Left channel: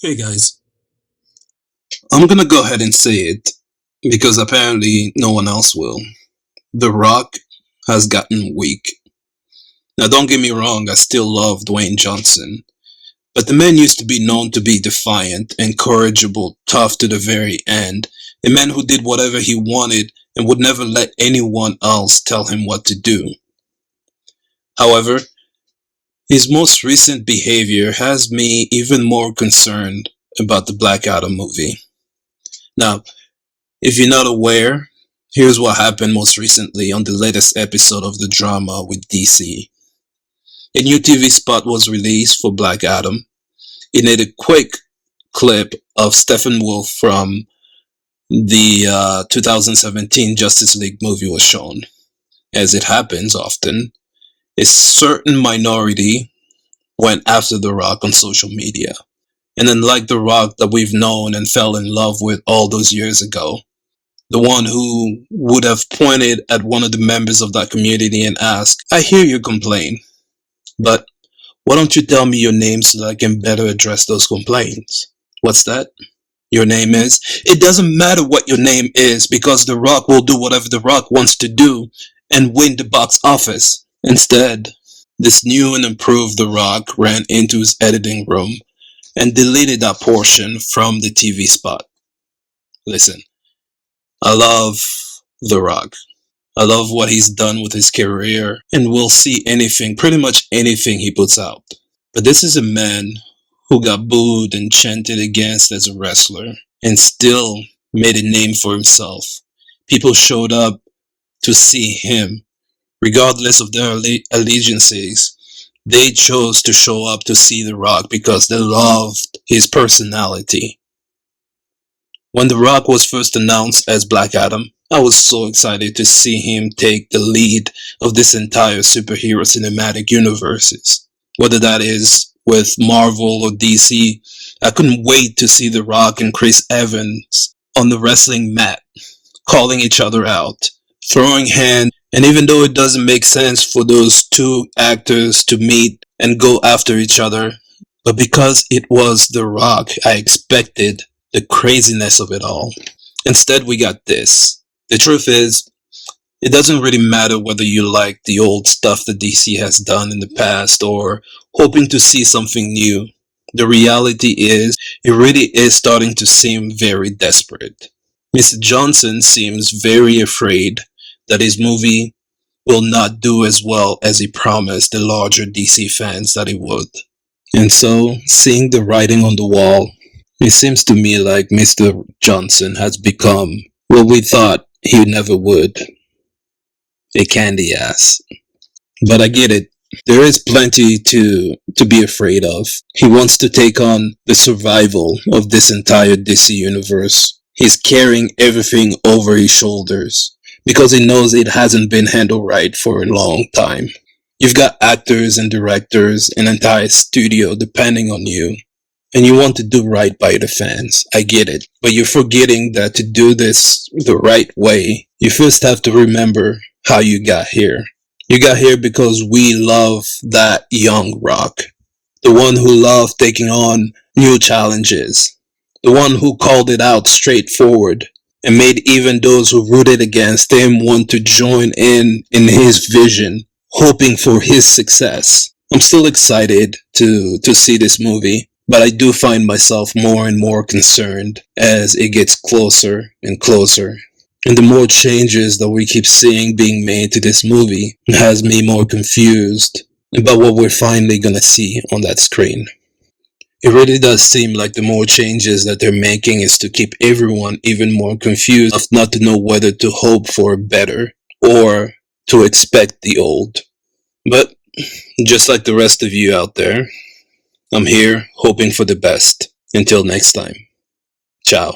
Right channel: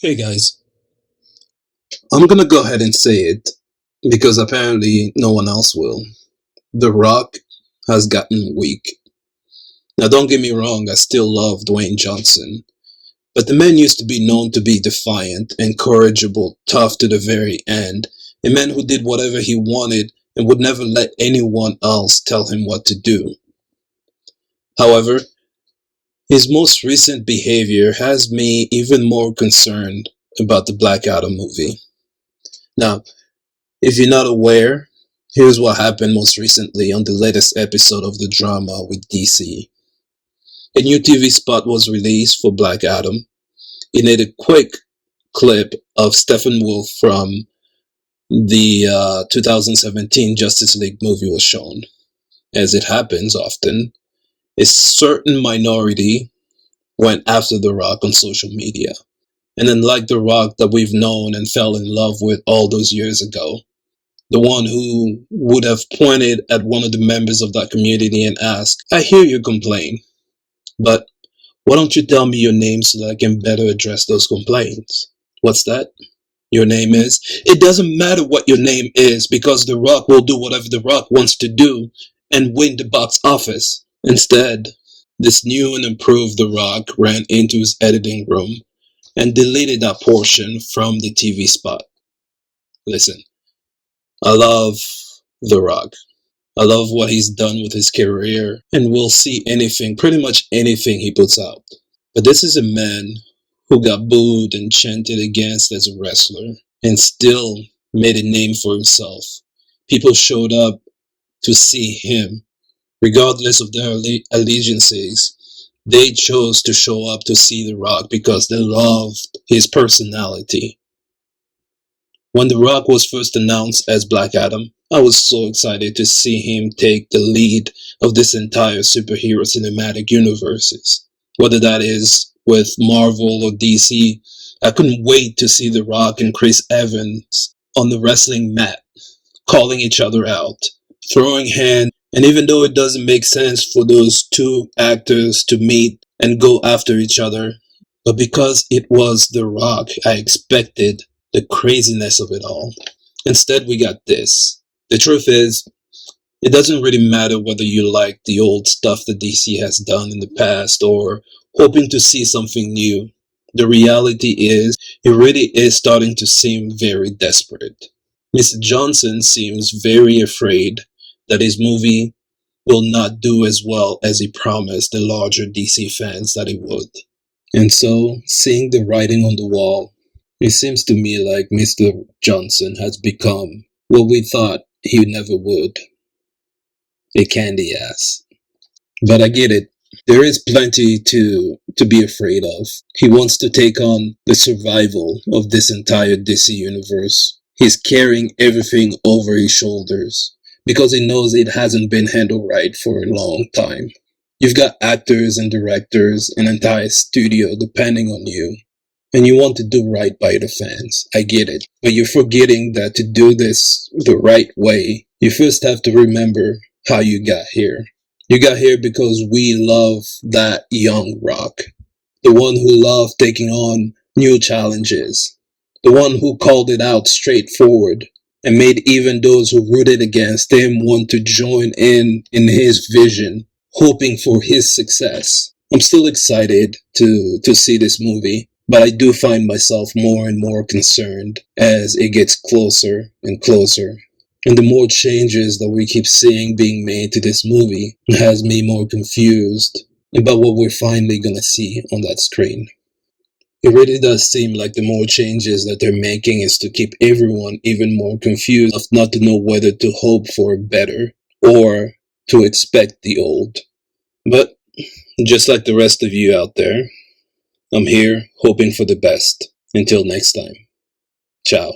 Hey guys, I'm gonna go ahead and say it because apparently no one else will. The Rock has gotten weak. Now, don't get me wrong, I still love Dwayne Johnson, but the man used to be known to be defiant, incorrigible, tough to the very end, a man who did whatever he wanted and would never let anyone else tell him what to do. However, his most recent behavior has me even more concerned about the Black Adam movie. Now, if you're not aware, here's what happened most recently on the latest episode of the drama with DC. A new TV spot was released for Black Adam. It made a quick clip of Steppenwolf from the 2017 Justice League movie was shown. As it happens often, a certain minority went after The Rock on social media. And unlike The Rock that we've known and fell in love with all those years ago, the one who would have pointed at one of the members of that community and asked, I hear you complain, but why don't you tell me your name so that I can better address those complaints? What's that? Your name is? It doesn't matter what your name is because The Rock will do whatever The Rock wants to do and win the box office. Instead, this new and improved The Rock ran into his editing room and deleted that portion from the TV spot. Listen, I love The Rock. I love what he's done with his career, and we'll see anything, pretty much anything he puts out. But this is a man who got booed and chanted against as a wrestler, and still made a name for himself. People showed up to see him, regardless of their allegiances. They chose to show up to see The Rock because they loved his personality. When The Rock was first announced as Black Adam, I was so excited to see him take the lead of this entire superhero cinematic universes. Whether that is with Marvel or DC, I couldn't wait to see The Rock and Chris Evans on the wrestling mat, calling each other out, throwing hands, and even though it doesn't make sense for those two actors to meet and go after each other, but because it was The Rock, I expected the craziness of it all. Instead, we got this. The truth is, it doesn't really matter whether you like the old stuff that DC has done in the past or hoping to see something new. The reality is, it really is starting to seem very desperate. Mr. Johnson seems very afraid that his movie will not do as well as he promised the larger DC fans that it would. And so, seeing the writing on the wall, it seems to me like Mr. Johnson has become what we thought he never would, a candy ass. But I get it. There is plenty to be afraid of. He wants to take on the survival of this entire DC universe. He's carrying everything over his shoulders because he knows it hasn't been handled right for a long time. You've got actors and directors, an entire studio depending on you, and you want to do right by the fans. I get it. But you're forgetting that to do this the right way, you first have to remember how you got here. You got here because we love that young Rock. The one who loved taking on new challenges. The one who called it out straightforward and made even those who rooted against him want to join in his vision, hoping for his success. I'm still excited to see this movie, but I do find myself more and more concerned as it gets closer and closer. And the more changes that we keep seeing being made to this movie has me more confused about what we're finally gonna see on that screen. It really does seem like the more changes that they're making is to keep everyone even more confused of not to know whether to hope for better or to expect the old. But just like the rest of you out there, I'm here hoping for the best. Until next time. Ciao.